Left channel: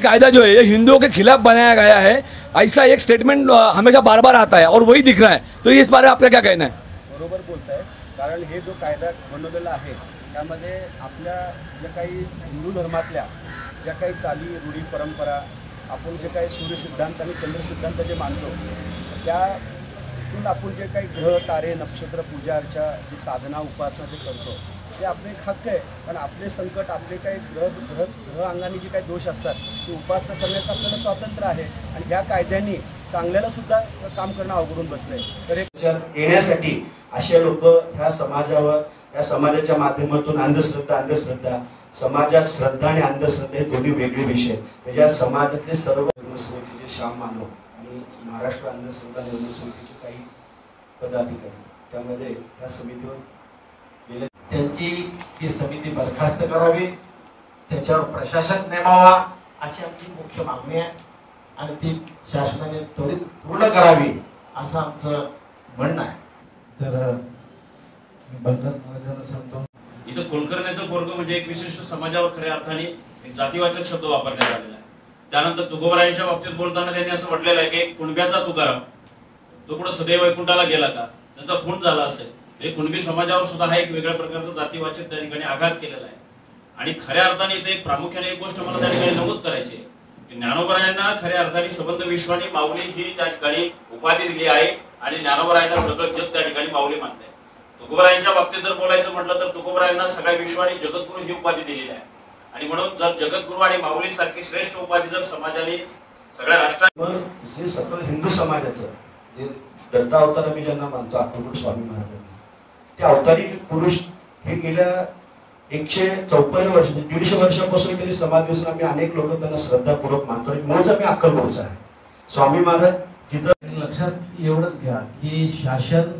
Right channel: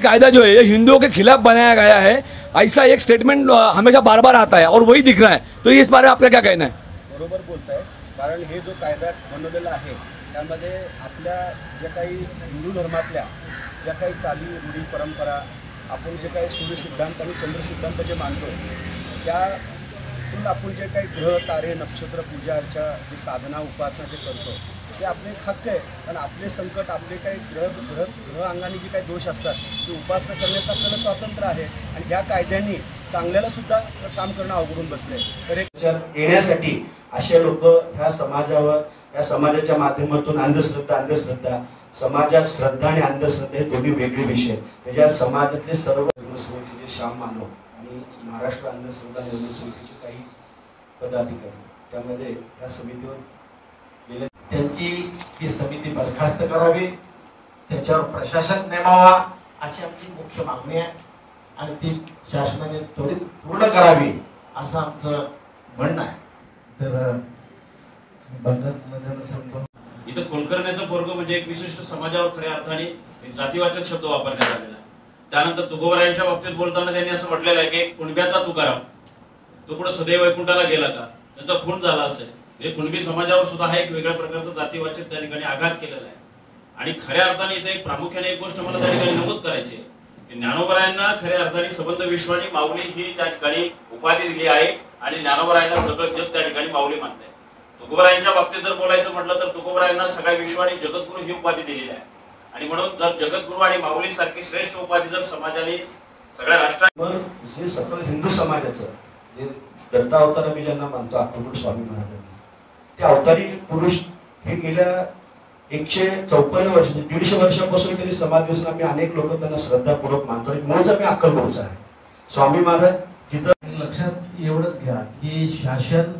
कायदा जो है ये हिंदुओं के खिलाफ बनाया गया है, ऐसा एक स्टेटमेंट हमेशा बार बार आता है और वही दिख रहा है। तो इस बारे में आपका क्या कहना है? बरोबर बोलताय, कारण हे जो कायदा बनवलेला आहे त्यामध्ये आपल्या ज्या काही हिंदू धर्मातल्या ज्या काही चाली रूढी परंपरा आपण जे काही सूर्य सिद्धांत आणि चंद्र सिद्धांत जे मानतो त्यातून आपण जे काही ग्रह तारे नक्षत्र पूजा अर्चा जी साधना उपासना जे करतो ते आपले एक हक्क आहे। कारण आपले संकट आपले काही ग्रह अंगाने जे काही दोष असतात ते उपासना करण्याचं आपल्याला स्वातंत्र्य आहे आणि ह्या कायद्यांनी चांगल्याला सुद्धा काम करणं अवघडून बसलंय। तर एक येण्यासाठी असे लोक ह्या समाजावर या समाजाच्या माध्यमातून अंधश्रद्धा समाजात श्रद्धा आणि अंधश्रद्धा हे दोन्ही वेगळे विषय आहेत। त्याच्या समाजातले सर्व धर्मसभेचे जे श्याम मानव आणि महाराष्ट्र अंधश्रद्धा निर्मूलन समितीचे काही पदाधिकारी त्यामध्ये या समितीवर त्यांची ही समिती बरखास्त करावी, त्याच्यावर प्रशासक नेमावा अशी आमची मुख्य मागणी आहे आणि ती शासनाने त्वरित पूर्ण करावी असं आमचं म्हणणं आहे। तर बंधनमध्ये सांगतो इथं कुलकर्ण्याचं पोरग म्हणजे एक विशिष्ट समाजावर खऱ्या अर्थाने जातीवाचक शब्द वापरण्यात आलेला आहे। त्यानंतर तुकोबरायांच्या बाबतीत बोलताना त्यांनी असं म्हटलेलं आहे की कुणब्याचा तुकाराम तो कुठं सदैव वैकुंठाला गेला का, त्यांचा खून झाला असेल। हे कुणबी समाजावर सुद्धा हा एक वेगळ्या प्रकारचा जातीवाचक त्या ठिकाणी आघात केलेला आहे। आणि खऱ्या अर्थाने इथे एक प्रामुख्याने एक गोष्ट मला त्या ठिकाणी नमूद करायची आहे, ज्ञानोबरायांना खऱ्या अर्थाने संबंध विश्वानी माऊली ही त्या ठिकाणी उपाधी दिली आहे आणि ज्ञानोबरायांना सगळं जग त्या ठिकाणी माऊली मानते। तुकोबरायांच्या बाबतीत जर बोलायचं म्हटलं तर तुकोबरायांना सगळ्या विश्वानी जगद्गुरु ही उपाधी दिलेली आहे आणि म्हणून जर जगद्गुरु आणि माऊली सारखी श्रेष्ठ उपाधी जर समाजाने सगळ्या राष्ट्रांवर जे सकल हिंदू समाजाचं जे दत्तावतार आम्ही ज्यांना मानतो अक्कलकोट स्वामी महाराजांनी ते अवतारी पुरुष हे गेल्या 154 वर्ष 150 वर्षापासून तरी समाज दिवस आम्ही अनेक लोक त्यांना श्रद्धापूर्वक मानतो आणि मूळच आम्ही अक्कलकोटचा आहे। स्वामी महाराज जिथं लक्षात एवढंच घ्या की शासन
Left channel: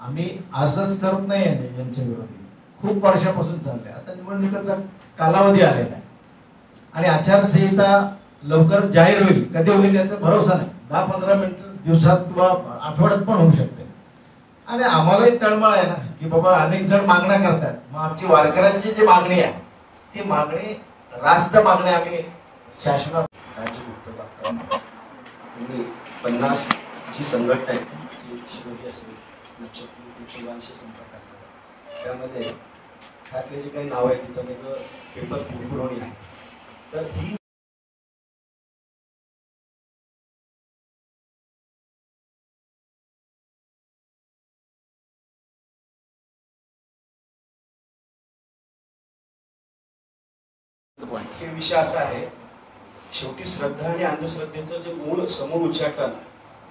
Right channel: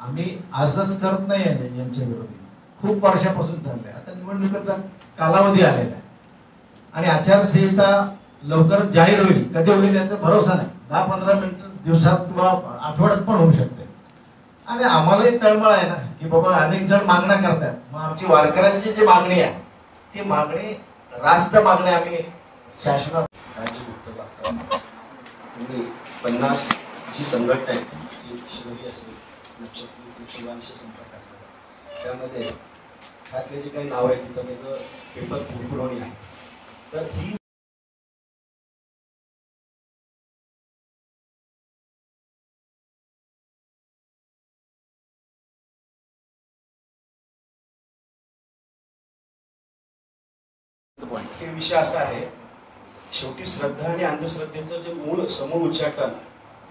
आम्ही आजच करत नाही यांच्या विरोधी, खूप वर्षापासून चाललंय। आता निवडणुकीचा कालावधी आलेला आहे आणि आचारसंहिता लवकरच जाहीर होईल, कधी होईल याचा भरोसा नाही। 10-15 दिवसात किंवा आठवड्यात पण होऊ शकते आणि आम्हालाही तळमळ आहे ना की बाबा अनेक जण मागण्या करतात, मग आमची वारकऱ्यांची जी मागणी आहे ती मागणी रास्त मागणी आम्ही शासनात 50 जी संघटना आहे शिवरी असेल नक्षत्र संपर्क असतात त्यामध्ये त्यातले जे काही नाव आहे तिथं त्याचं पेपर पुरवणी आहे। तर ही विषय असा आहे, शेवटी श्रद्धा आणि अंधश्रद्धेचं जे मूळ समूळ उच्चाटन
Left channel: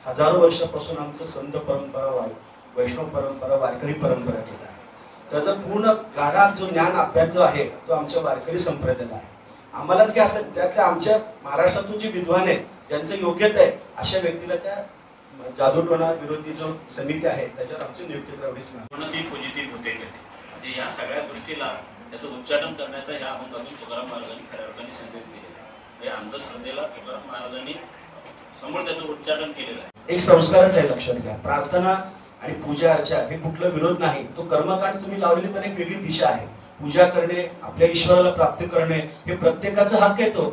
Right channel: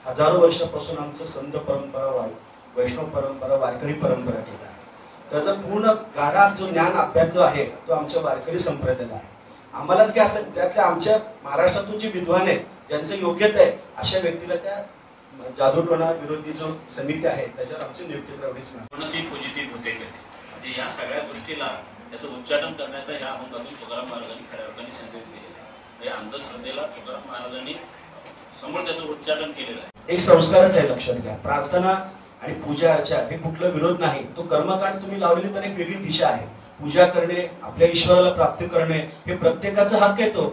हजारो वर्षापासून आमचं संत परंपरा वैष्णव परंपरा वारकरी परंपरा केला आहे। त्याचा पूर्ण गाढा जो ज्ञान अभ्यास जो आहे तो आमच्या वारकरी संप्रदायाला आहे। आम्हालाच काय असं त्यातल्या आमच्या महाराष्ट्रातून जे विद्वान आहे ज्यांचं योग्यता आहे अशा व्यक्तीला त्या जादूटोणा विरोधी जो समिती आहे त्याच्यावर आमची नियुक्ती करावीच नाही। पॉझिटिव्ह होते म्हणजे या सगळ्या गोष्टीला त्याचं उच्चाटन करण्याचा ह्या अभंगातून तुकाराम महाराजांनी खऱ्या अर्थाने संदेश दिलेला आहे। या अंधश्रद्धेला तुकाराम महाराजांनी समोर त्याचं उच्चाटन केलेलं आहे। एक संस्कारच आहे, लक्षात घ्या। प्रार्थना आणि पूजा अर्चा हे कुठला विरोध नाही, तो कर्मकांड तुम्ही लावलेली तर एक वेगळी दिशा आहे। पूजा करणे आपल्या ईश्वराला प्राप्त करणे हे प्रत्येकाचा हक्क आहे, तो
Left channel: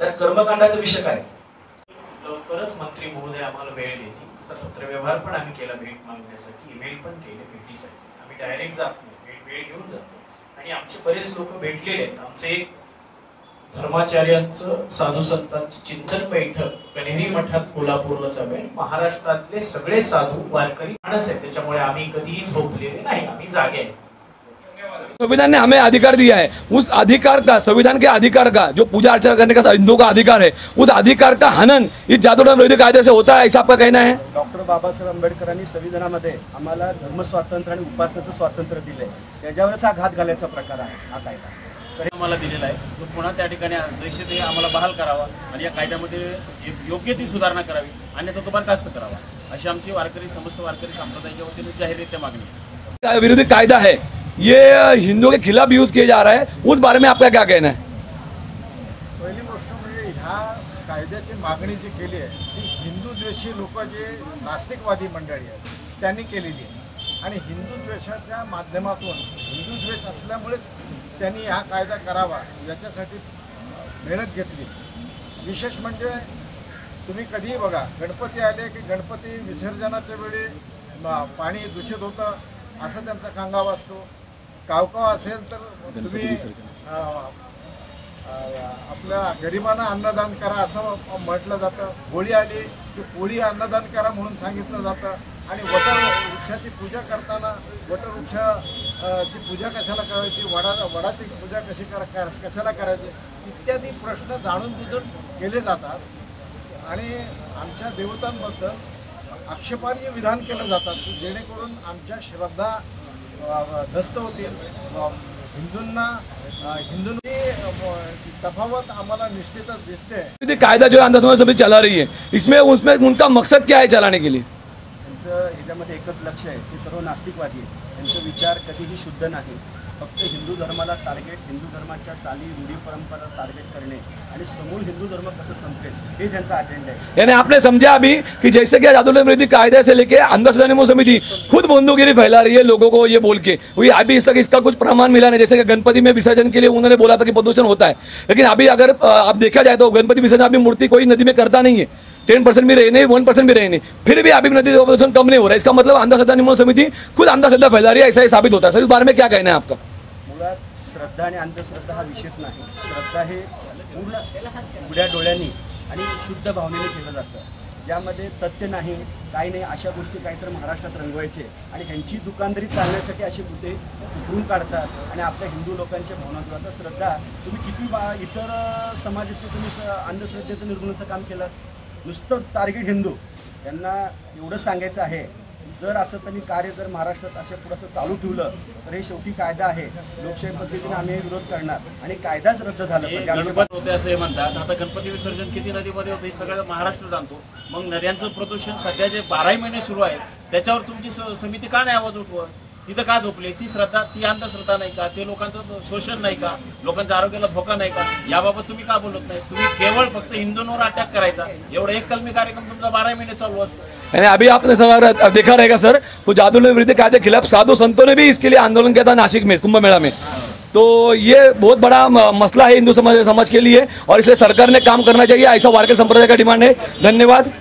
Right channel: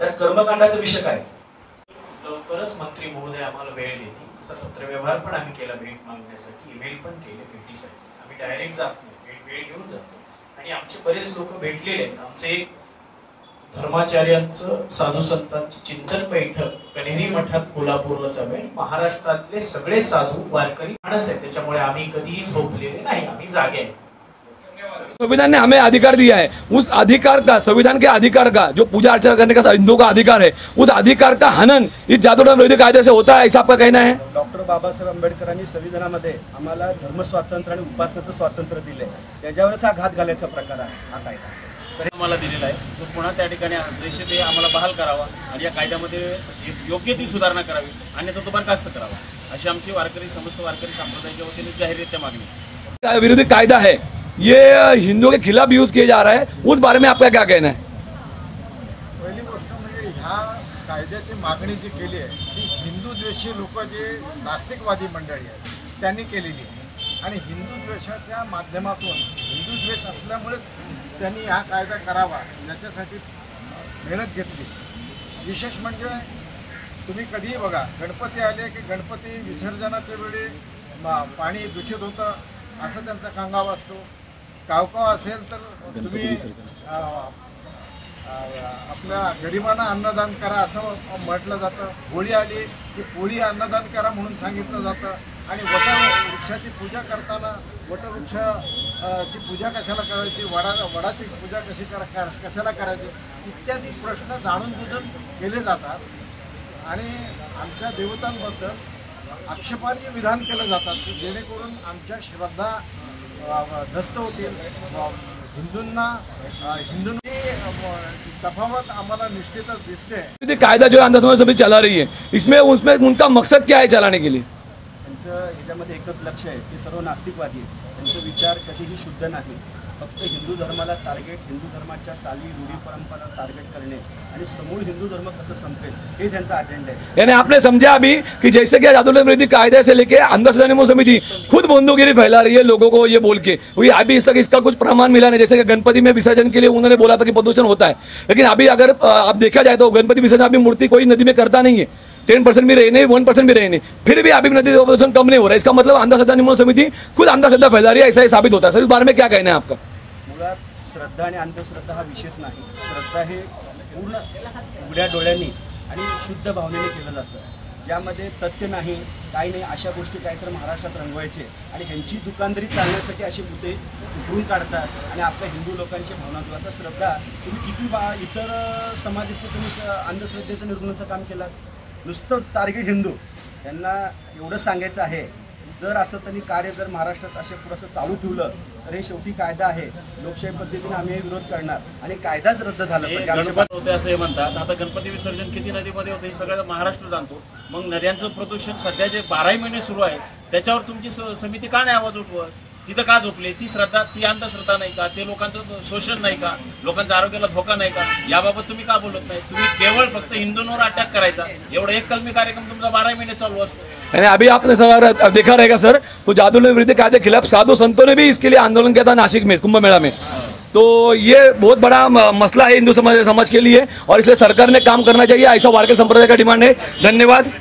त्या कर्मकांडाचा विषय काय। लवकरच मंत्री महोदय आम्हाला वेळ देतील, तसा पत्रव्यवहार पण आम्ही केला भेट मागण्यासाठी, ईमेल पण केले भेटीसाठी। आम्ही डायरेक्ट जात नाही, वेळ घेऊन जातो आणि आमचे बरेच लोक भेटलेले आहेत। आमचे धर्माचार्यांचं साधू संतांची चिंतन बैठक कन्हेरी मठात कोल्हापूरला चालू आहे। महाराष्ट्रातले सगळे साधू वारकरी आहेत, त्याच्यामुळे आम्ही कधीही झोपलेले नाही, आम्ही जागे आहे। संविधान ने हमें अधिकार दिया है, उस अधिकार का संविधान के अधिकार का जो पूजा अर्चना करने का हिंदुओं का अधिकार है उस अधिकार का हनन इस जादूटोणा विरोधी कायदे से होता है, ऐसा आपका कहना है? डॉक्टर बाबासाहेब आंबेडकरांनी संविधानामध्ये आम्हाला धर्म स्वातंत्र्य आणि उपासनेचं स्वातंत्र्य दिलंय, त्याच्यावरच हा घात घालायचा प्रकार आहे हा कायदा। तर आम्हाला दिलेला आहे तो पुन्हा त्या ठिकाणी जैसे ते आम्हाला बहाल करावा आणि या कायद्यामध्ये योग्य ती सुधारणा करावी अन्यथा तो बरखास्त करावा अशी आमची समस्त वारकरी संप्रदायाच्या वतीने जाहीररित्या मागणी। विरोधी कायदा है ये हिंदुओं के खिलाफ यूज किया जा रहा है, उस बारे में आपका क्या कहना है? पहिली गोष्ट म्हणजे ह्या कायद्याची मागणी जी केली आहे ती हिंदू द्वेषी लोक जे नास्तिकवादी मंडळी आहेत त्यांनी केलेली आहे आणि हिंदू द्वेषाच्या माध्यमातून हिंदू द्वेष असल्यामुळेच त्यांनी हा कायदा करावा याच्यासाठी मेहनत घेतली विशेष म्हणजे तुम्ही कधीही बघा, गणपती आले की गणपती विसर्जनाच्या वेळी पाणी दूषित होतं असं त्यांचा कांगावा असतो. कावकाव असेल तर तुम्ही आपल्या गरिबांना अन्नदान करा असं म्हटलं जातं. होळी आली की पोळी अन्नदान करा म्हणून सांगितलं जातं. आणि वटवृक्षाची पूजा करताना वटवृक्षाची पूजा कशाला करायची, वडाची पूजा कशाला करायची इत्यादी प्रश्न जाणून बुजून केले जातात. आणि आमच्या देवतांबद्दल आक्षेपार्ह विधान केलं जातात जेणेकरून आमच्या श्रद्धा नष्ट होतील. हिंदूंनी तफावत आम्हाला निश्चितच दिसते. कायदा जो आंदोलन समिति चला रही है, इसमें उसमें उनका मकसद क्या है चलाने के लिए? त्यांचं ह्याच्यामध्ये एकच लक्ष आहे, ते सर्व नास्तिकवादी आहेत. त्यांचे विचार कधीही शुद्ध नाही. फक्त हिंदू धर्माला टार्गेट, हिंदू धर्माच्या चाली रूढी परंपरा टार्गेट करणे आणि समूळ हिंदू धर्म कसं संपेल हे त्यांचा अजेंडा है. यानी आपने समझा अभी कि जैसे कि आंदोलन विरोधी कायदे से लेके अंधश्रद्धा निर्मूलन समिति खुद बंदूगिरी फैला रही है लोगों को ये बोल के, अभी इस तक इसका कुछ प्रमाण मिला नहीं. जैसे कि गणपति में विसर्जन के लिए उन्होंने बोला था कि प्रदूषण होता है, लेकिन अभी अगर आप देखा जाए तो गणपति विसर्जन अभी मूर्ति कोई नदी में करता नहीं है. 10% भी रहे नहीं, 1% भी रहे नहीं, फिर भी अभी नदी का प्रदूषण कम नहीं हो रहा है. इसका मतलब अंधश्रद्धा निर्मूलन समिति खुद अंधश्रद्धा फैला रही है, ऐसा ही साबित होता है. सर इस बारे में क्या कहना है आपका? मुळात श्रद्धा आणि अंधश्रद्धा हा विषयच नाही. श्रद्धा हे पूर्ण उघड्या डोळ्यांनी आणि शुद्ध भावनेने केलं जातं, ज्यामध्ये तथ्य नाही, काही नाही, अशा गोष्टी काहीतरी महाराष्ट्रात रंगवायचे आणि ह्यांची दुकानदारी चालण्यासाठी असे मुद्दे उकरून काढतात आणि आपल्या हिंदू लोकांच्या भावना आता श्रद्धा तुम्ही किती इतर समाजाचे तुम्ही अंधश्रद्धेचं निर्मूलनाचं काम केलं. नुसतं टार्गेट हिंदू. त्यांना एवढं सांगायचं आहे, जर असं त्यांनी कार्य जर महाराष्ट्रात असे पुढं चालू ठेवलं तर हे शेवटी कायदा आहे, लोकशाही पद्धतीने आम्ही विरोध करणार आणि कायदाच रद्द झाला पाहिजे. गणपती होते असं हे म्हणतात. आता गणपती विसर्जन किती नदीमध्ये होतं हे सगळं महाराष्ट्र जाणतो. मग नद्यांचं प्रदूषण सध्या जे 12 महिने सुरू आहे त्याच्यावर तुमची समिती का नाही आवाज उठवत? तिथं का झोपले? ती श्रद्धा, ती अंधश्रद्धा नाही का? ते लोकांचं शोषण नाही का? लोकांच्या आरोग्याला धोका नाही का? याबाबत तुम्ही का बोलत नाही? तुम्ही केवळ फक्त हिंदूंवर अटॅक करायचा, एवढा एक कलमी कार्यक्रम तुमचा 12 महिने चालू असतो. यानी अभी आपने सर देखा रहेगा सर, तो जादू विरोधी कायदे के खिलाफ साधु संतों ने भी इसके लिए आंदोलन किया था नासिक में, कुंभ मेला में. तो ये बहुत बड़ा मसला है हिंदू समाज के लिए और इसलिए सरकार ने काम करना चाहिए, ऐसा वारकरी संप्रदाय का डिमांड है. धन्यवाद.